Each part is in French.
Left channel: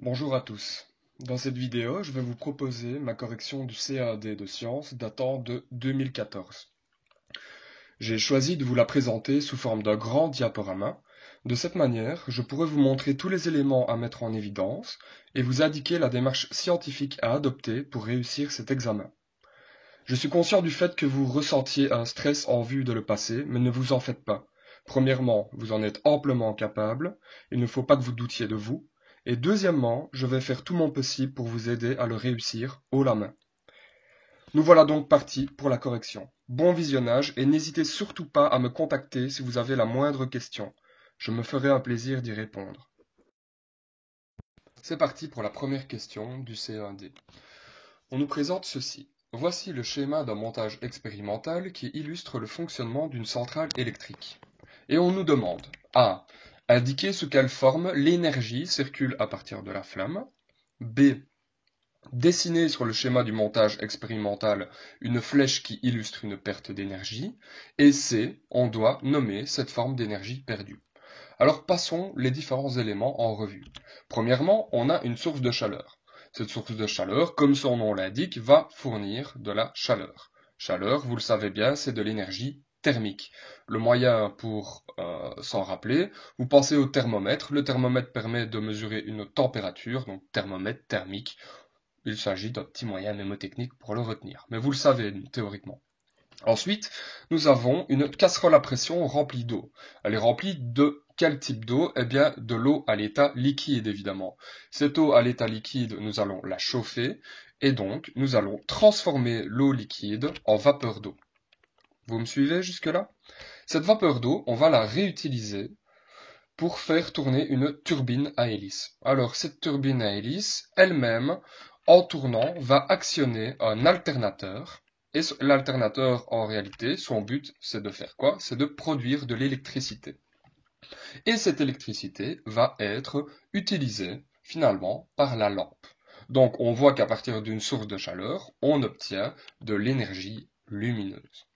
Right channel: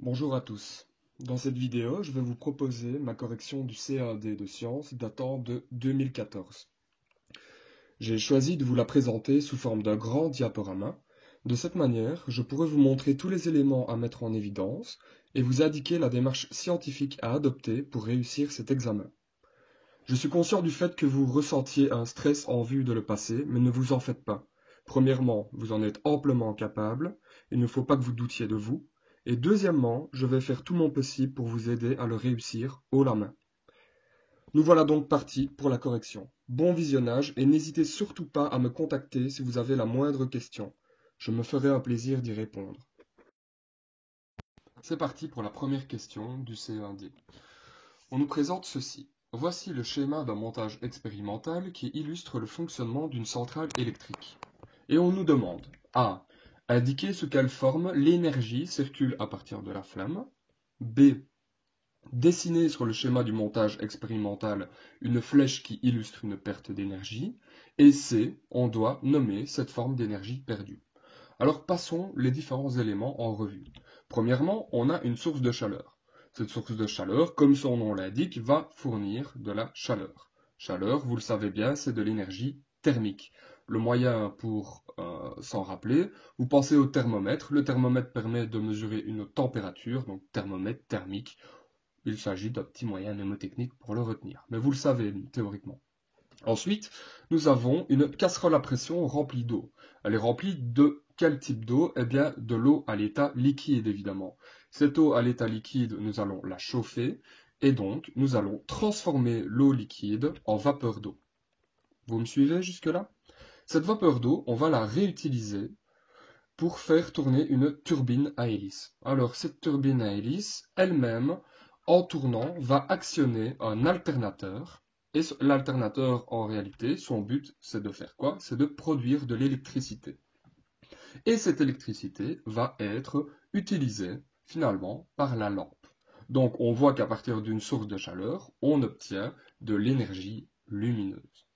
Bonjour à tous. Dans cette vidéo, je vais vous proposer ma correction du CAD de sciences datant de 2014. J'ai choisi de vous la présenter sous forme d'un grand diaporama. De cette manière, je pourrai vous montrer tous les éléments à mettre en évidence et vous indiquer la démarche scientifique à adopter pour réussir cet examen. Je suis conscient du fait que vous ressentiez un stress en vue de le passer, mais ne vous en faites pas. Premièrement, vous en êtes amplement capable, il ne faut pas que vous doutiez de vous. Et deuxièmement, je vais faire tout mon possible pour vous aider à le réussir haut la main. Nous voilà donc partis pour la correction. Bon visionnage et n'hésitez surtout pas à me contacter si vous avez la moindre question. Je me ferai un plaisir d'y répondre. C'est parti pour la première question du CE1D. On nous présente ceci. Voici le schéma d'un montage expérimental qui illustre le fonctionnement d'une centrale électrique. Et on nous demande A. Indiquer sous quelle forme l'énergie circule à partir de la flamme. B. Dessiner sur le schéma du montage expérimental une flèche qui illustre une perte d'énergie. Et C. On doit nommer cette forme d'énergie perdue. Alors passons les différents éléments en revue. Premièrement, on a une source de chaleur. Cette source de chaleur, comme son nom l'indique, va fournir de la chaleur. Chaleur, vous le savez bien, c'est de l'énergie thermique. Le moyen pour s'en rappeler, vous pensez au thermomètre. Le thermomètre permet de mesurer une température, donc thermomètre thermique. Il s'agit d'un petit moyen mnémotechnique pour le retenir. Mais vous le savez théoriquement. Ensuite, nous avons une casserole à pression remplie d'eau. Elle est remplie de quel type d'eau? Eh bien, de l'eau à l'état liquide, évidemment. Cette eau à l'état liquide, nous allons la chauffer, et donc, nous allons transformer l'eau liquide en vapeur d'eau. Vous me suivez jusque-là? Cette vapeur d'eau, on va la réutiliser pour faire tourner une turbine à hélice. Alors, cette turbine à hélice, elle-même, en tournant, va actionner un alternateur. Et l'alternateur, en réalité, son but, c'est de faire quoi? C'est de produire de l'électricité. Et cette électricité va être utilisée, finalement, par la lampe. Donc, on voit qu'à partir d'une source de chaleur, on obtient de l'énergie lumineuse.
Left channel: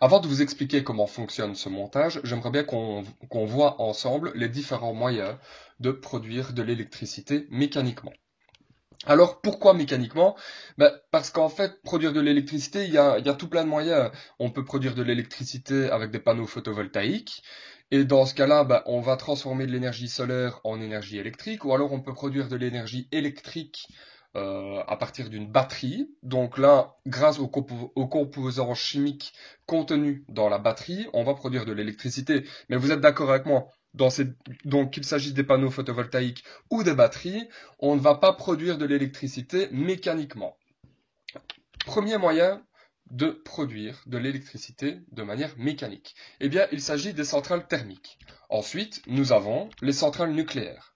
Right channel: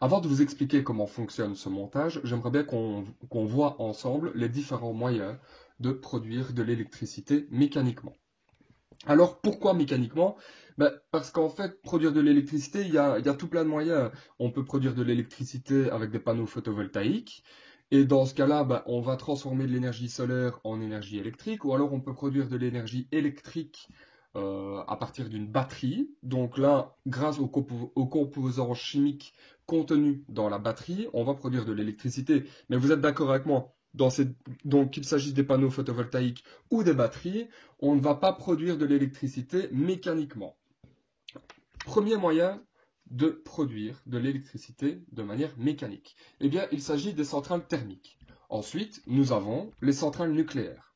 Avant de vous expliquer comment fonctionne ce montage, j'aimerais bien qu'on voit ensemble les différents moyens de produire de l'électricité mécaniquement. Alors, pourquoi mécaniquement? Parce qu'en fait, produire de l'électricité, il y a tout plein de moyens. On peut produire de l'électricité avec des panneaux photovoltaïques, et dans ce cas-là, on va transformer de l'énergie solaire en énergie électrique, ou alors on peut produire de l'énergie électrique à partir d'une batterie. Donc là, grâce aux composants chimiques contenus dans la batterie, on va produire de l'électricité. Mais vous êtes d'accord avec moi? Donc qu'il s'agisse des panneaux photovoltaïques ou des batteries, on ne va pas produire de l'électricité mécaniquement. Premier moyen de produire de l'électricité de manière mécanique. Eh bien, il s'agit des centrales thermiques. Ensuite, nous avons les centrales nucléaires.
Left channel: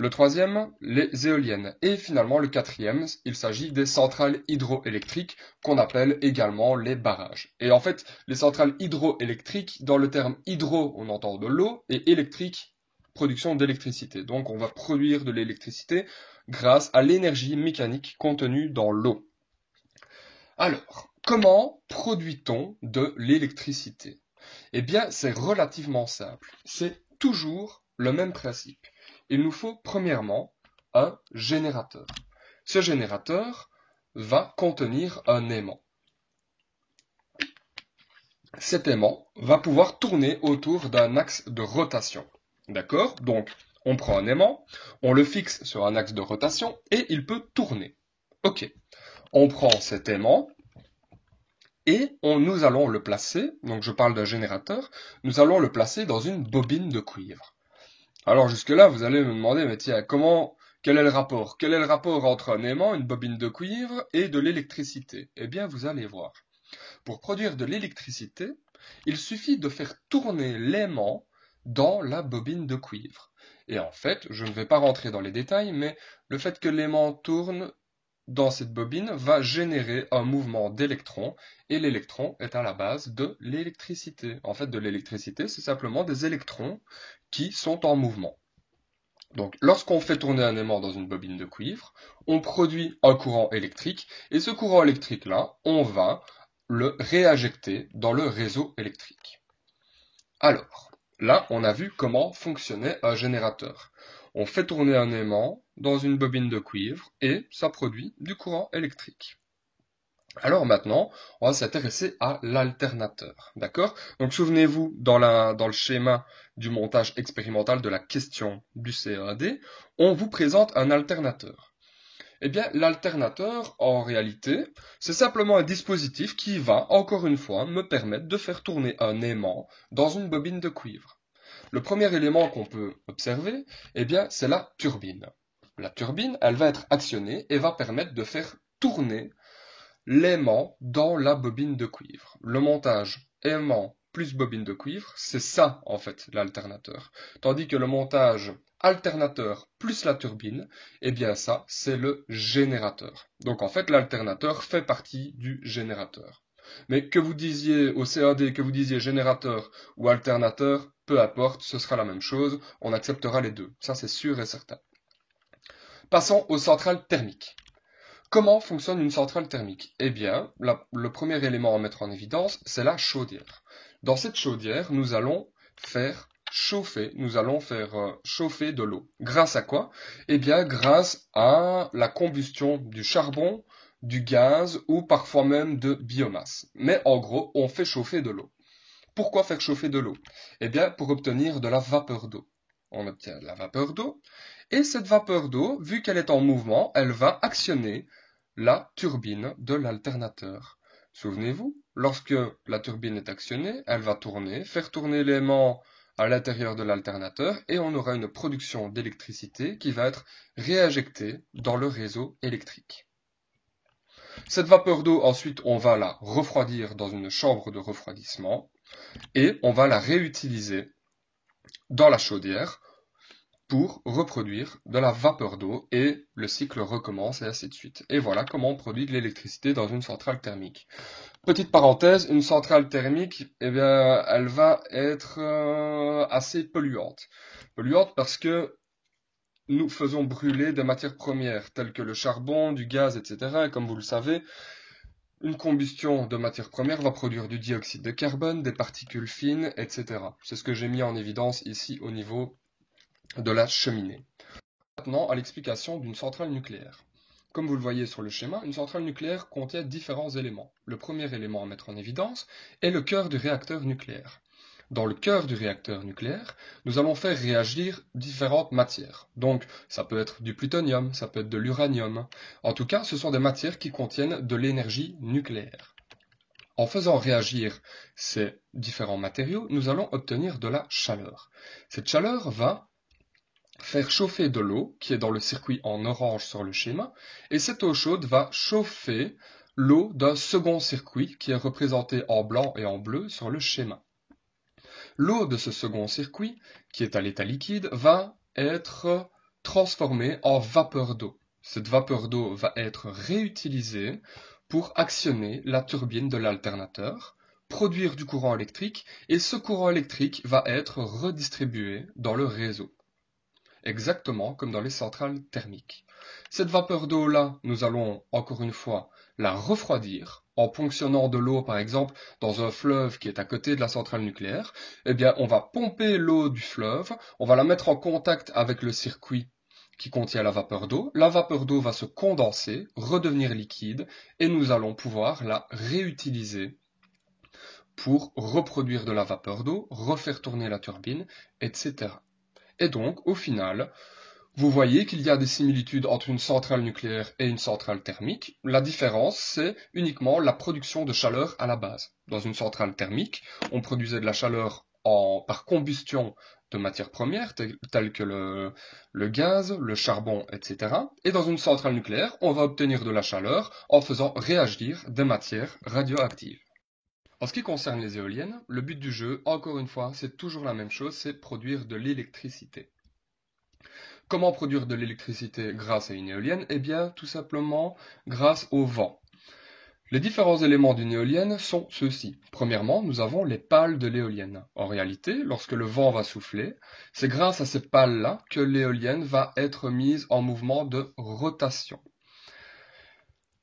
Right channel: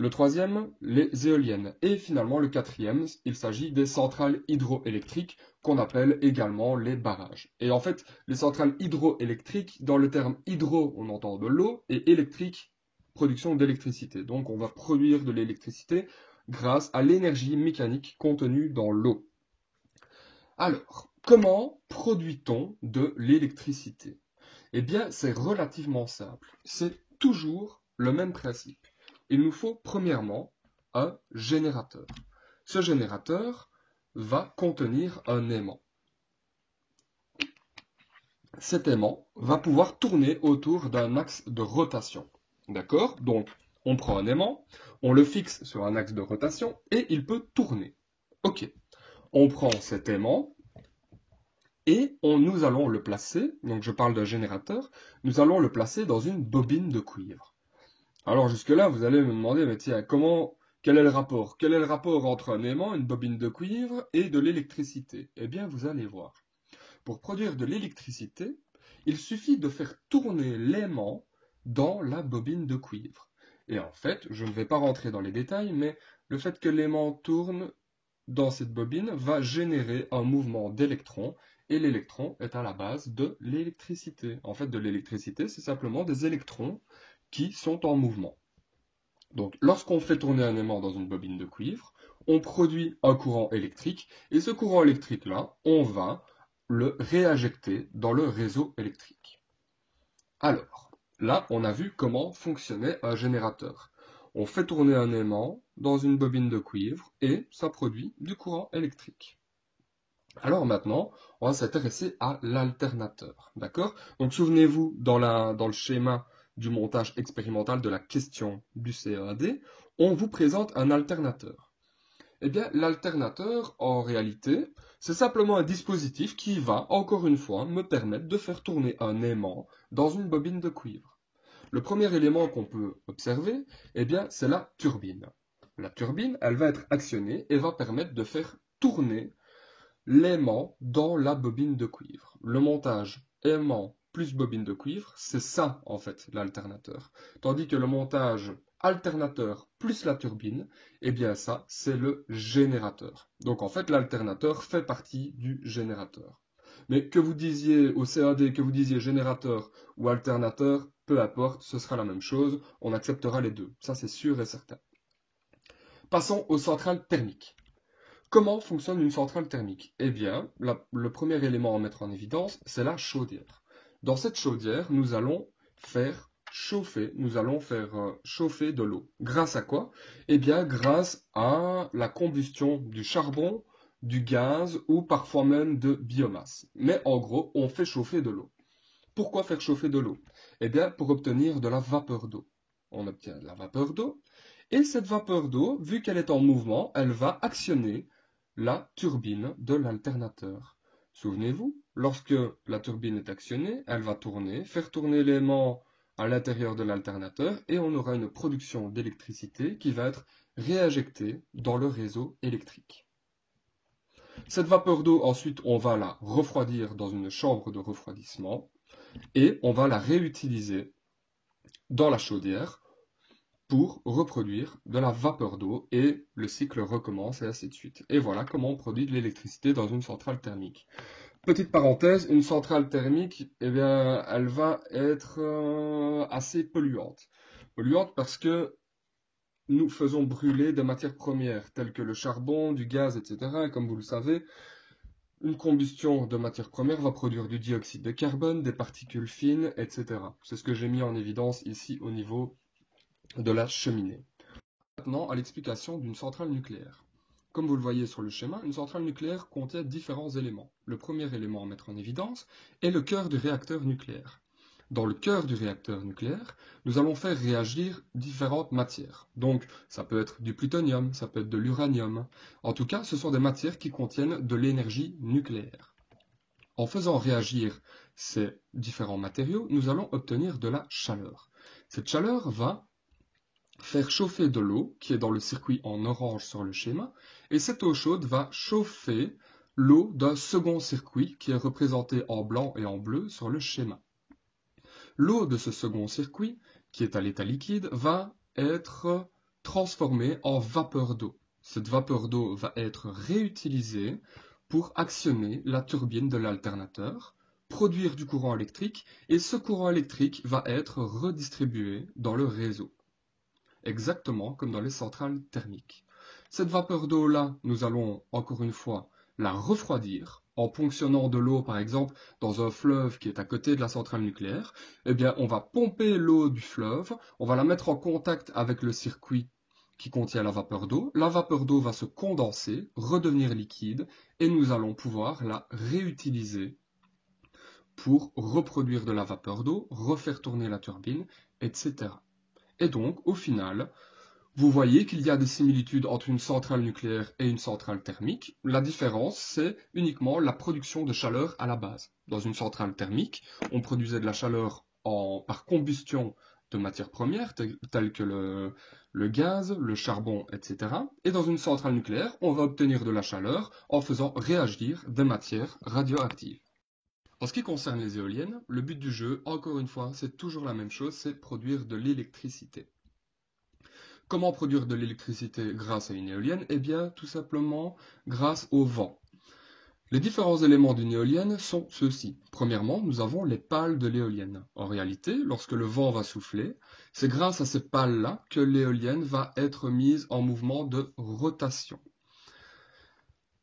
Le troisième, les éoliennes. Et finalement, le quatrième, il s'agit des centrales hydroélectriques qu'on appelle également les barrages. Et en fait, les centrales hydroélectriques, dans le terme hydro, on entend de l'eau, et électrique, production d'électricité. Donc, on va produire de l'électricité grâce à l'énergie mécanique contenue dans l'eau. Alors, comment produit-on de l'électricité? Eh bien, c'est relativement simple. C'est toujours le même principe. Il nous faut premièrement un générateur. Ce générateur va contenir un aimant. Cet aimant va pouvoir tourner autour d'un axe de rotation. D'accord? Donc, on prend un aimant, on le fixe sur un axe de rotation et il peut tourner. Ok. On prend cet aimant et nous allons le placer, donc je parle d'un générateur, nous allons le placer dans une bobine de cuivre. Alors jusque-là, vous allez me demander, mais tiens, quel est le rapport? Quel est le rapport entre un aimant, une bobine de cuivre et de l'électricité? Eh bien, vous allez voir. Pour produire de l'électricité, il suffit de faire tourner l'aimant dans la bobine de cuivre. Et en fait, je ne vais pas rentrer dans les détails, mais le fait que l'aimant tourne dans cette bobine va générer un mouvement d'électrons, et l'électron est à la base de l'électricité. En fait, de l'électricité, c'est simplement des électrons qui sont en mouvement. Donc, lorsqu'on fait tourner un aimant dans une bobine de cuivre, on produit un courant électrique, et ce courant électrique-là, on va le réinjecter dans le réseau électrique. Alors, là, on a vu comment fonctionnait un générateur. On fait tourner un aimant dans une bobine de cuivre et ça produit du courant électrique. Alors maintenant, on va s'intéresser à l'alternateur, d'accord? Donc souvenez-vous, dans le schéma du montage expérimental de la question du CE1D, on vous présente un alternateur. Eh bien, l'alternateur, en réalité, c'est simplement un dispositif qui va, encore une fois, me permettre de faire tourner un aimant dans une bobine de cuivre. Le premier élément qu'on peut observer, eh bien, c'est la turbine. La turbine, elle va être actionnée et va permettre de faire tourner l'aimant dans la bobine de cuivre. Le montage aimant plus bobine de cuivre, c'est ça en fait l'alternateur. Tandis que le montage alternateur plus la turbine, eh bien ça c'est le générateur. Donc en fait l'alternateur fait partie du générateur. Mais que vous disiez au CAD, que vous disiez générateur ou alternateur, peu importe, ce sera la même chose, on acceptera les deux, ça c'est sûr et certain. Passons aux centrales thermiques. Comment fonctionne une centrale thermique? Eh bien, le premier élément à mettre en évidence, c'est la chaudière. Dans cette chaudière, nous allons faire chauffer de l'eau. Grâce à quoi? Eh bien, grâce à la combustion du charbon, du gaz ou parfois même de biomasse. Mais en gros, on fait chauffer de l'eau. Pourquoi faire chauffer de l'eau? Eh bien, pour obtenir de la vapeur d'eau. On obtient de la vapeur d'eau. Et cette vapeur d'eau, vu qu'elle est en mouvement, elle va actionner la turbine de l'alternateur. Souvenez-vous, lorsque la turbine est actionnée, elle va tourner, faire tourner l'aimant à l'intérieur de l'alternateur et on aura une production d'électricité qui va être réinjectée dans le réseau électrique. Cette vapeur d'eau, ensuite, on va la refroidir dans une chambre de refroidissement et on va la réutiliser dans la chaudière pour reproduire de la vapeur d'eau et le cycle recommence et ainsi de suite. Et voilà comment on produit de l'électricité dans une centrale thermique. Petite parenthèse, une centrale thermique, eh bien, elle va être assez polluante. Polluante parce que nous faisons brûler des matières premières telles que le charbon, du gaz, etc. Et comme vous le savez, une combustion de matières premières va produire du dioxyde de carbone, des particules fines, etc. C'est ce que j'ai mis en évidence ici au niveau de la cheminée. Maintenant à l'explication d'une centrale nucléaire. Comme vous le voyez sur le schéma, une centrale nucléaire contient différents éléments. Le premier élément à mettre en évidence est le cœur du réacteur nucléaire. Dans le cœur du réacteur nucléaire, nous allons faire réagir différentes matières. Donc, ça peut être du plutonium, ça peut être de l'uranium. En tout cas, ce sont des matières qui contiennent de l'énergie nucléaire. En faisant réagir ces différents matériaux, nous allons obtenir de la chaleur. Cette chaleur va faire chauffer de l'eau qui est dans le circuit en orange sur le schéma, et cette eau chaude va chauffer l'eau d'un second circuit qui est représenté en blanc et en bleu sur le schéma. L'eau de ce second circuit, qui est à l'état liquide, va être transformée en vapeur d'eau. Cette vapeur d'eau va être réutilisée pour actionner la turbine de l'alternateur, produire du courant électrique, et ce courant électrique va être redistribué dans le réseau. Exactement comme dans les centrales thermiques. Cette vapeur d'eau-là, nous allons encore une fois la refroidir en ponctionnant de l'eau par exemple dans un fleuve qui est à côté de la centrale nucléaire. Eh bien, on va pomper l'eau du fleuve, on va la mettre en contact avec le circuit qui contient la vapeur d'eau. La vapeur d'eau va se condenser, redevenir liquide et nous allons pouvoir la réutiliser pour reproduire de la vapeur d'eau, refaire tourner la turbine, etc. Et donc, au final, vous voyez qu'il y a des similitudes entre une centrale nucléaire et une centrale thermique. La différence, c'est uniquement la production de chaleur à la base. Dans une centrale thermique, on produisait de la chaleur par combustion de matières premières, telles que le gaz, le charbon, etc. Et dans une centrale nucléaire, on va obtenir de la chaleur en faisant réagir des matières radioactives. En ce qui concerne les éoliennes, le but du jeu, encore une fois, c'est toujours la même chose, c'est produire de l'électricité. Comment produire de l'électricité grâce à une éolienne? Eh bien, tout simplement grâce au vent. Les différents éléments d'une éolienne sont ceux-ci. Premièrement, nous avons les pales de l'éolienne. En réalité, lorsque le vent va souffler, c'est grâce à ces pales-là que l'éolienne va être mise en mouvement de rotation.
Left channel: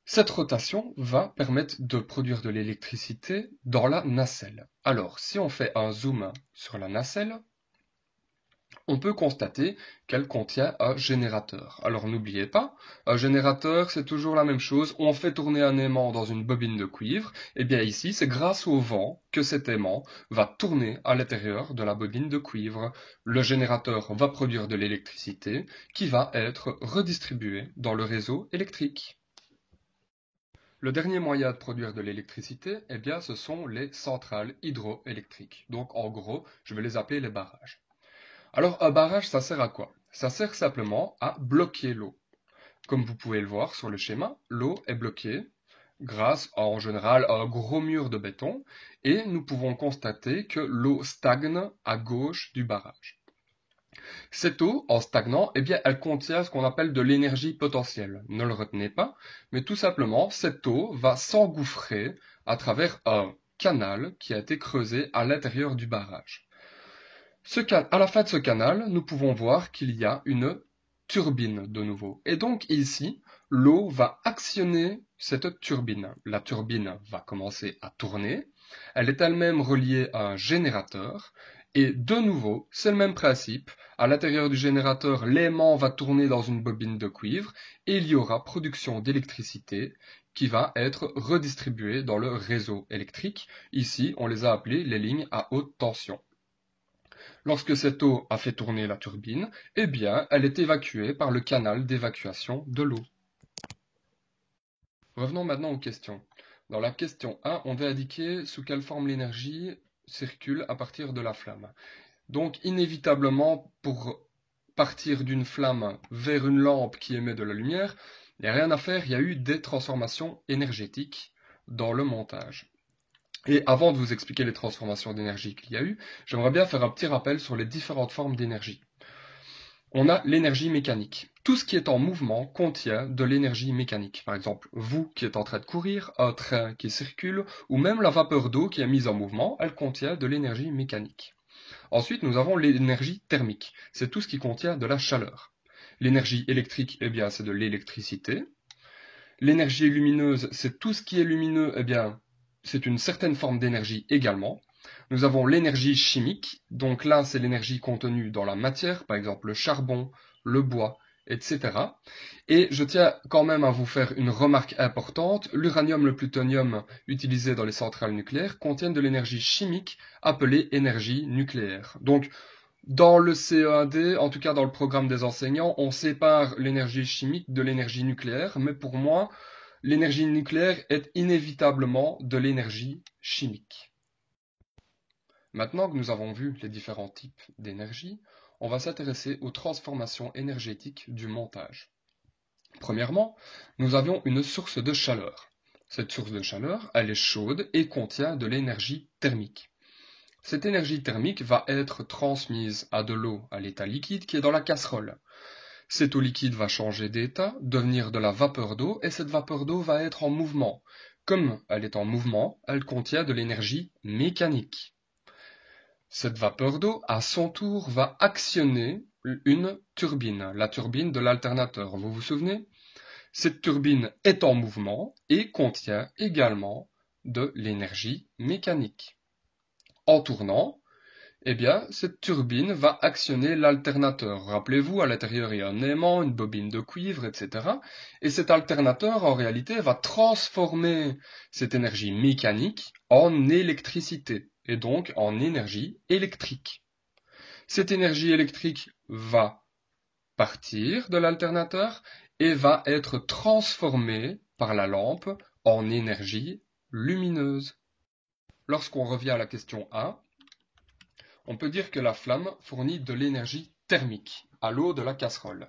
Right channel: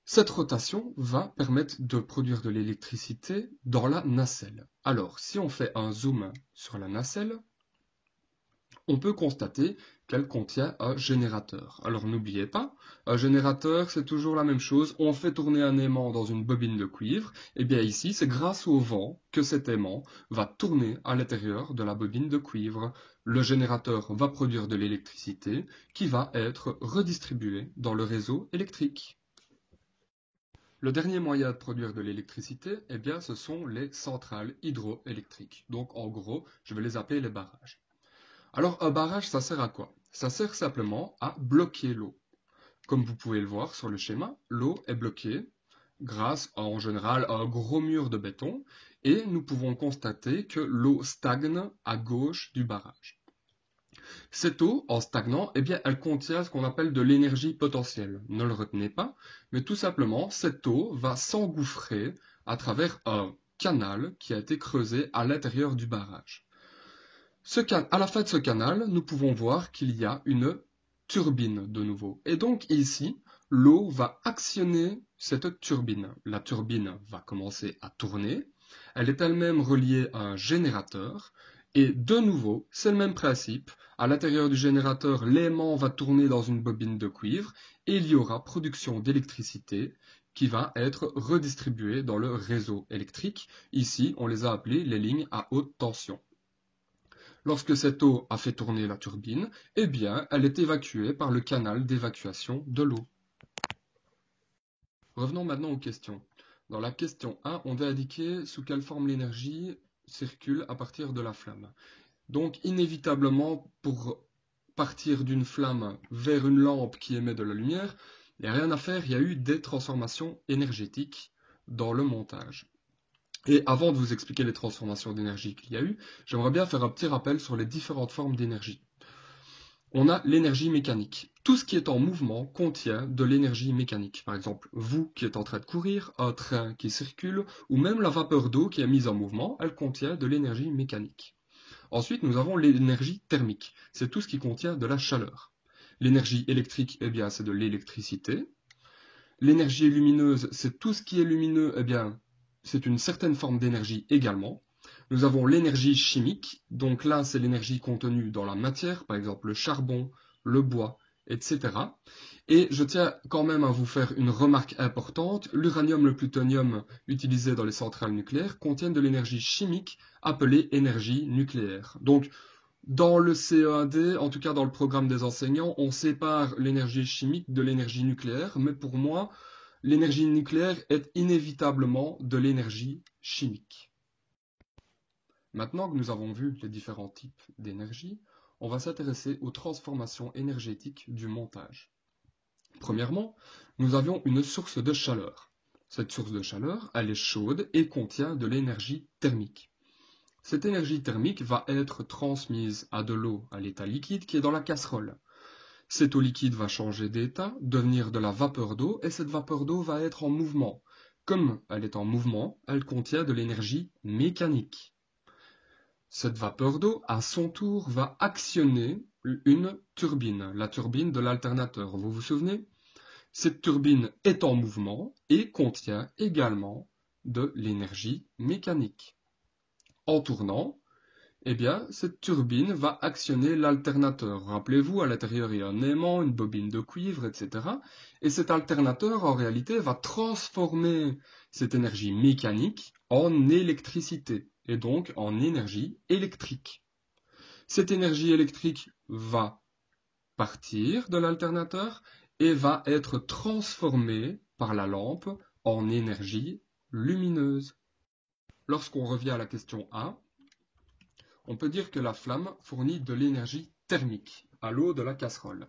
Cette rotation va permettre de produire de l'électricité dans la nacelle. Alors, si on fait un zoom sur la nacelle, on peut constater qu'elle contient un générateur. Alors n'oubliez pas, un générateur c'est toujours la même chose, on fait tourner un aimant dans une bobine de cuivre, et bien ici c'est grâce au vent que cet aimant va tourner à l'intérieur de la bobine de cuivre. Le générateur va produire de l'électricité qui va être redistribuée dans le réseau électrique. Le dernier moyen de produire de l'électricité, eh bien, ce sont les centrales hydroélectriques. Donc en gros, je vais les appeler les barrages. Alors, un barrage, ça sert à quoi? Ça sert simplement à bloquer l'eau. Comme vous pouvez le voir sur le schéma, l'eau est bloquée grâce en général à un gros mur de béton et nous pouvons constater que l'eau stagne à gauche du barrage. Cette eau, en stagnant, eh bien, elle contient ce qu'on appelle de l'énergie potentielle. Ne le retenez pas, mais tout simplement, cette eau va s'engouffrer à travers un canal qui a été creusé à l'intérieur du barrage. À la fin de ce canal, nous pouvons voir qu'il y a une turbine de nouveau. Et donc ici, l'eau va actionner cette turbine. La turbine va commencer à tourner. Elle est elle-même reliée à un générateur. Et de nouveau, c'est le même principe. À l'intérieur du générateur, l'aimant va tourner dans une bobine de cuivre et il y aura production d'électricité qui va être redistribuée dans le réseau électrique. Ici, on les a appelées les lignes à haute tension. Lorsque cette eau a fait tourner la turbine, eh bien, elle est évacuée par le canal d'évacuation de l'eau. Revenons maintenant aux questions. Dans la question 1, on va indiquer sous quelle forme l'énergie circule à partir de la flamme. Donc, inévitablement, pour partir d'une flamme vers une lampe qui émet de la lumière, il n'y a rien à faire, il y a eu des transformations énergétiques dans le montage. Et avant de vous expliquer les transformations d'énergie qu'il y a eu, j'aimerais bien faire un petit rappel sur les différentes formes d'énergie. On a l'énergie mécanique. Tout ce qui est en mouvement contient de l'énergie mécanique. Par exemple, vous qui êtes en train de courir, un train qui circule, ou même la vapeur d'eau qui est mise en mouvement, elle contient de l'énergie mécanique. Ensuite, nous avons l'énergie thermique. C'est tout ce qui contient de la chaleur. L'énergie électrique, eh bien, c'est de l'électricité. L'énergie lumineuse, c'est tout ce qui est lumineux, eh bien, c'est une certaine forme d'énergie également. Nous avons l'énergie chimique, donc là c'est l'énergie contenue dans la matière, par exemple le charbon, le bois, etc. Et je tiens quand même à vous faire une remarque importante, l'uranium, le plutonium utilisés dans les centrales nucléaires contiennent de l'énergie chimique appelée énergie nucléaire. Donc dans le CE1D, en tout cas dans le programme des enseignants, on sépare l'énergie chimique de l'énergie nucléaire, mais pour moi, l'énergie nucléaire est inévitablement de l'énergie chimique. Maintenant que nous avons vu les différents types d'énergie, on va s'intéresser aux transformations énergétiques du montage. Premièrement, nous avions une source de chaleur. Cette source de chaleur, elle est chaude et contient de l'énergie thermique. Cette énergie thermique va être transmise à de l'eau à l'état liquide qui est dans la casserole. Cette eau liquide va changer d'état, devenir de la vapeur d'eau, et cette vapeur d'eau va être en mouvement. Comme elle est en mouvement, elle contient de l'énergie mécanique. Cette vapeur d'eau, à son tour, va actionner une turbine, la turbine de l'alternateur. Vous vous souvenez? Cette turbine est en mouvement et contient également de l'énergie mécanique. En tournant, eh bien, cette turbine va actionner l'alternateur. Rappelez-vous, à l'intérieur, il y a un aimant, une bobine de cuivre, etc. Et cet alternateur, en réalité, va transformer cette énergie mécanique en électricité, et donc en énergie électrique. Cette énergie électrique va partir de l'alternateur et va être transformée par la lampe en énergie lumineuse. Lorsqu'on revient à la question 1, on peut dire que la flamme fournit de l'énergie thermique à l'eau de la casserole.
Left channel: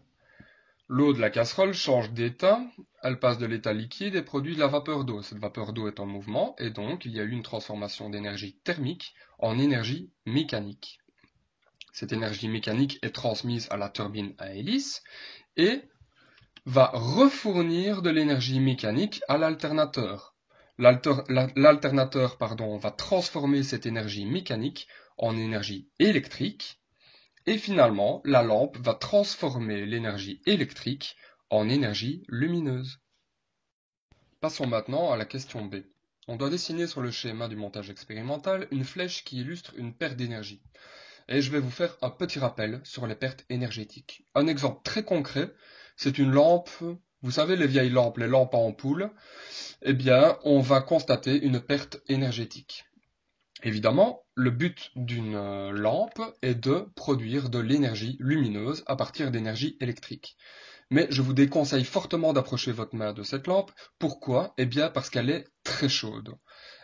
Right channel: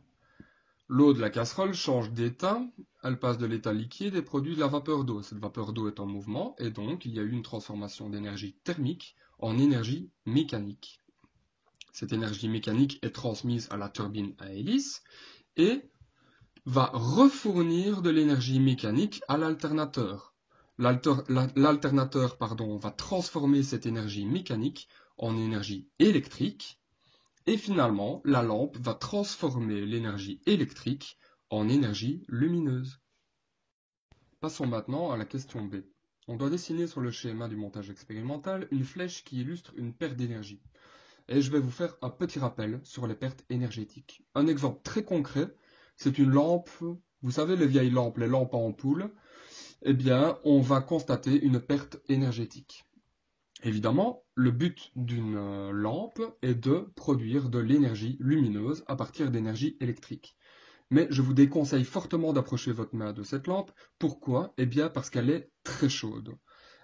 L'eau de la casserole change d'état, elle passe de l'état liquide et produit de la vapeur d'eau. Cette vapeur d'eau est en mouvement et donc il y a eu une transformation d'énergie thermique en énergie mécanique. Cette énergie mécanique est transmise à la turbine à hélice et va refournir de l'énergie mécanique à l'alternateur. L'alternateur va transformer cette énergie mécanique en énergie électrique et finalement la lampe va transformer l'énergie électrique en énergie lumineuse. Passons maintenant à la question B. On doit dessiner sur le schéma du montage expérimental une flèche qui illustre une perte d'énergie. et je vais vous faire un petit rappel sur les pertes énergétiques. Un exemple très concret, c'est une lampe, vous savez les vieilles lampes, les lampes à ampoule, eh bien on va constater une perte énergétique. Évidemment, le but d'une lampe est de produire de l'énergie lumineuse à partir d'énergie électrique. Mais je vous déconseille fortement d'approcher votre main de cette lampe. Pourquoi? Eh bien parce qu'elle est très chaude.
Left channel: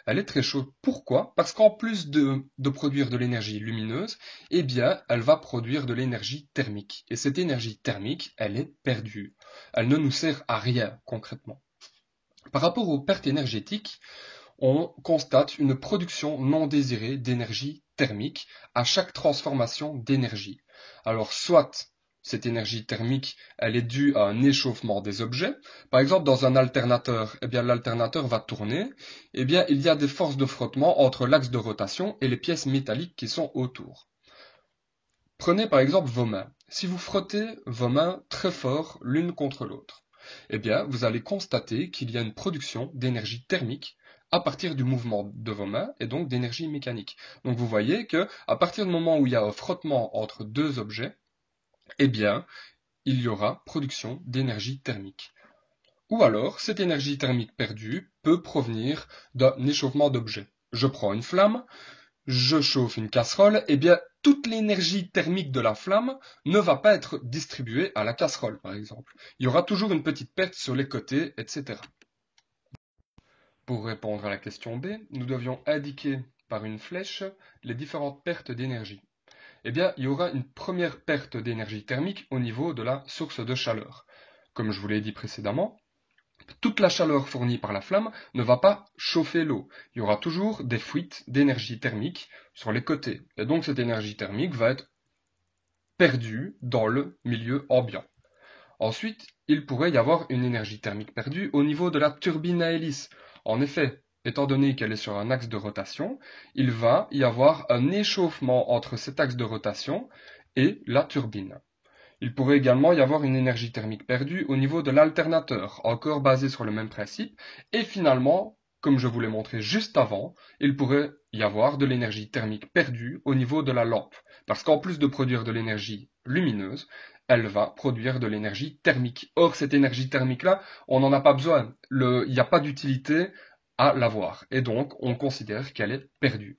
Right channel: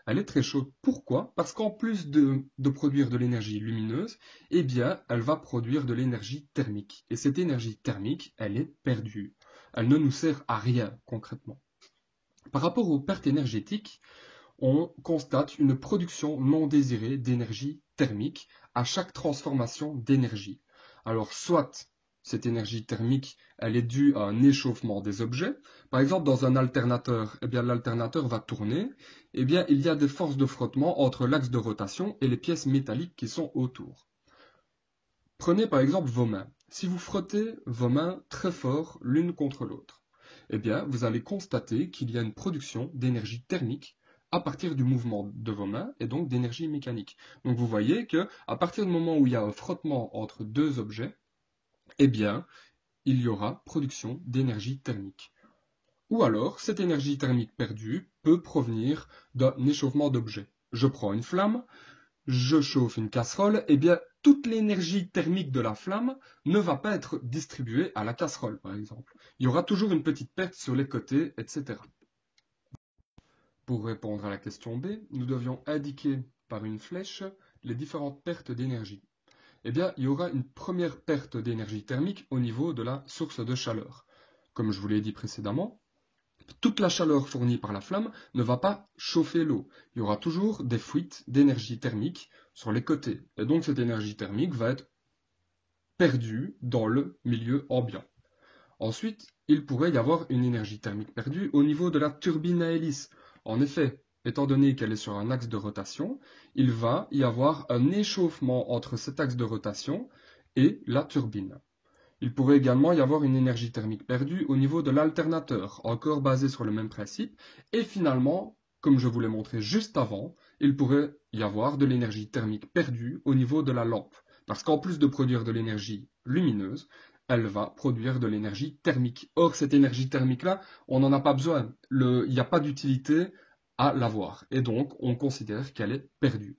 Elle est très chaude. Pourquoi? Parce qu'en plus de produire de l'énergie lumineuse, eh bien, elle va produire de l'énergie thermique. Et cette énergie thermique, elle est perdue. Elle ne nous sert à rien, concrètement. Par rapport aux pertes énergétiques, on constate une production non désirée d'énergie thermique à chaque transformation d'énergie. Alors, soit cette énergie thermique, elle est due à un échauffement des objets. Par exemple, dans un alternateur, eh bien, l'alternateur va tourner. Eh bien, il y a des forces de frottement entre l'axe de rotation et les pièces métalliques qui sont autour. Prenez par exemple vos mains. Si vous frottez vos mains très fort l'une contre l'autre, eh bien, vous allez constater qu'il y a une production d'énergie thermique à partir du mouvement de vos mains et donc d'énergie mécanique. Donc vous voyez que à partir du moment où il y a un frottement entre deux objets, eh bien, il y aura production d'énergie thermique. Ou alors, cette énergie thermique perdue peut provenir d'un échauffement d'objets. Je prends une flamme, je chauffe une casserole, eh bien, toute l'énergie thermique de la flamme ne va pas être distribuée à la casserole, par exemple. Il y aura toujours une petite perte sur les côtés, etc. Pour répondre à la question B, nous devions indiquer par une flèche les différentes pertes d'énergie. Eh bien, il y aura une première perte d'énergie thermique au niveau de la source de chaleur. Comme je vous l'ai dit précédemment, toute la chaleur fournie par la flamme ne va pas chauffer l'eau. Il y aura toujours des fuites d'énergie thermique sur les côtés. Et donc cette énergie thermique va être perdue dans le milieu ambiant. Ensuite, il pourrait y avoir une énergie thermique perdue au niveau de la turbine à hélice. En effet, étant donné qu'elle est sur un axe de rotation, il va y avoir un échauffement entre cet axe de rotation et la turbine. Il pourrait également y avoir une énergie thermique perdue au niveau de l'alternateur, encore basé sur le même principe. Et finalement, comme je vous l'ai montré juste avant, il pourrait y avoir de l'énergie thermique perdue au niveau de la lampe. Parce qu'en plus de produire de l'énergie lumineuse, elle va produire de l'énergie thermique. Or, cette énergie thermique-là, on n'en a pas besoin. Il n'y a pas d'utilité à l'avoir. Et donc, on considère qu'elle est perdue.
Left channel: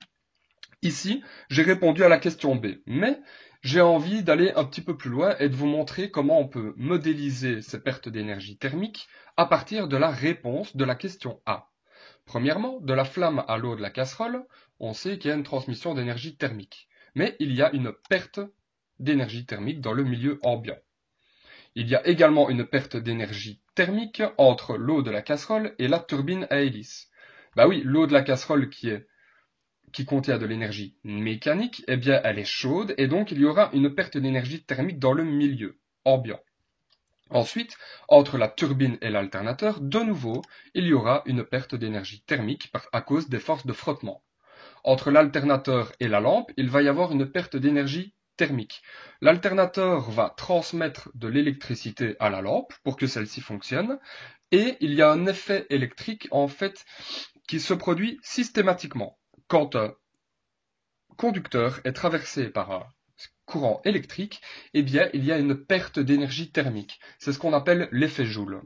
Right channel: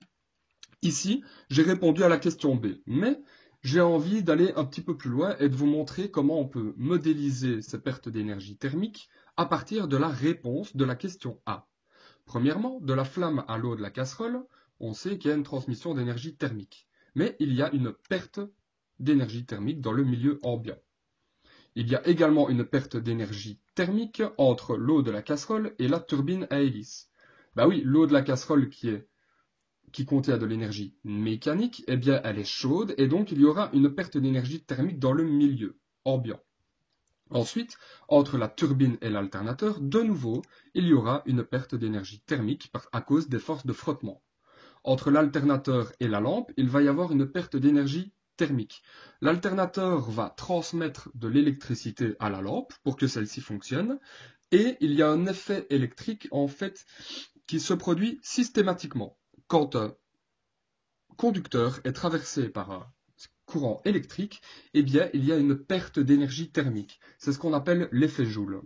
Ici, j'ai répondu à la question B, mais j'ai envie d'aller un petit peu plus loin et de vous montrer comment on peut modéliser ces pertes d'énergie thermique à partir de la réponse de la question A. Premièrement, de la flamme à l'eau de la casserole, on sait qu'il y a une transmission d'énergie thermique, mais il y a une perte d'énergie thermique dans le milieu ambiant. Il y a également une perte d'énergie thermique entre l'eau de la casserole et la turbine à hélice. Bah oui, l'eau de la casserole qui contient de l'énergie mécanique, eh bien elle est chaude et donc il y aura une perte d'énergie thermique dans le milieu ambiant. Ensuite, entre la turbine et l'alternateur, de nouveau, il y aura une perte d'énergie thermique à cause des forces de frottement. Entre l'alternateur et la lampe, il va y avoir une perte d'énergie thermique. L'alternateur va transmettre de l'électricité à la lampe pour que celle-ci fonctionne et il y a un effet électrique en fait qui se produit systématiquement. Quand un conducteur est traversé par un courant électrique, eh bien, il y a une perte d'énergie thermique. C'est ce qu'on appelle l'effet Joule.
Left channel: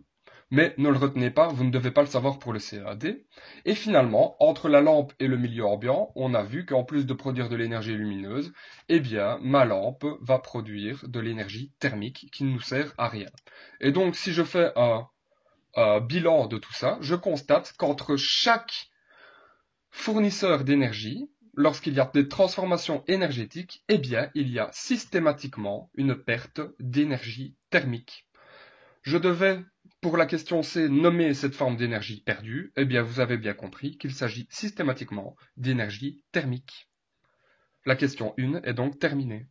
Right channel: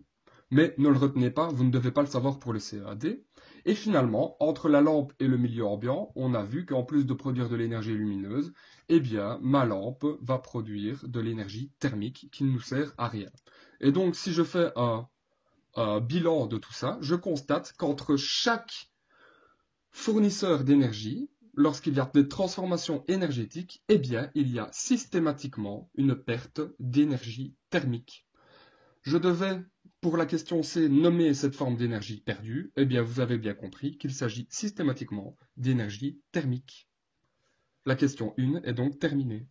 Mais ne le retenez pas, vous ne devez pas le savoir pour le CAD. Et finalement, entre la lampe et le milieu ambiant, on a vu qu'en plus de produire de l'énergie lumineuse, eh bien, ma lampe va produire de l'énergie thermique qui ne nous sert à rien. Et donc, si je fais un bilan de tout ça, je constate qu'entre chaque fournisseur d'énergie, lorsqu'il y a des transformations énergétiques, eh bien, il y a systématiquement une perte d'énergie thermique. Je devais, pour la question C, nommer cette forme d'énergie perdue. Eh bien, vous avez bien compris qu'il s'agit systématiquement d'énergie thermique. La question 1 est donc terminée.